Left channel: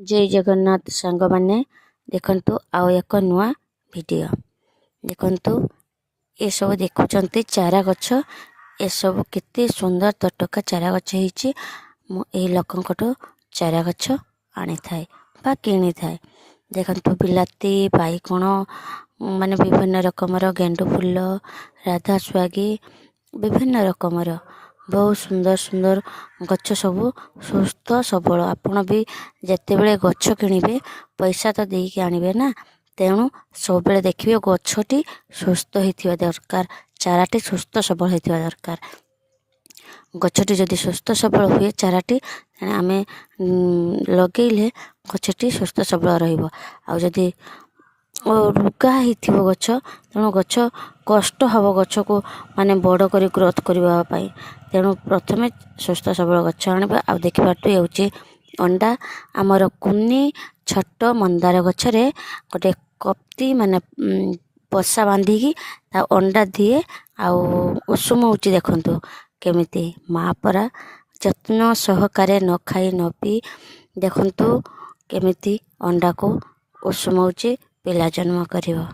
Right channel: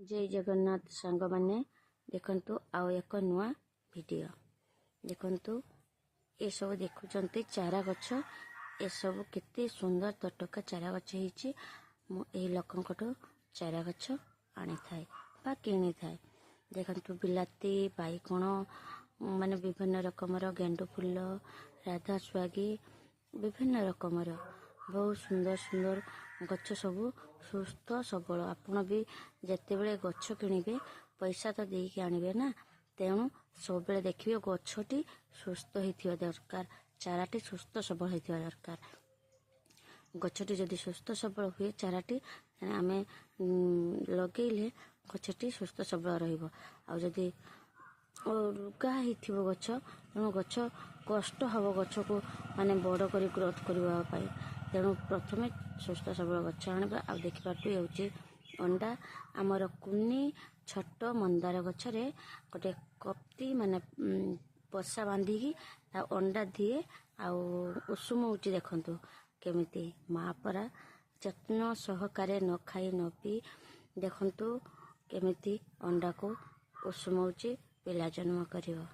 जय जगन्नाथ सांग मैंने देखंतु आउ एक नुआ वीडियो देखंतु ये सब देखुचंती चारा गछ ये सब केते सुंदर तटका चारा गछ हिची मु ए लोकंकटो चारा गछ आनी थाए बा किनी थाए देखंतु बिलाती बाईगण माने विभिन्न रकमर गेंडु फुल राधा स्वागी विभिन्न रकमर बहुत सुंदर सुंदर गछ सब सुस्थ सबल आपण भी जिते बड़े गछ किणवे पैसा तो देकी आनबे ना तेणु सब बेले देखिए गछटी सुस्थ होता दरकार चाराटी सुस्थ सबल होता दरकार गछटी जदि सुस्थ सबल हुए चाराटी आम लगेले गछटी सुस्थ सबल रही रुगा हो गछ तेणु गछ कष्ट हम गछ को माने बड़ कर ग्रोथ करने तेणु प्रथमे सुस्थ सबल गछ आने आ देखा अंडा आमर कुनी छोट मंदार गछरे गोटे कप्ती माने पशा बांधिकी अंडा दिए आसुम हो देखु केमिति माँ परा जत्न सहकारे न खाई न पी देखंतु केमिति अंडा को उषुम पिला जन्म करिवो।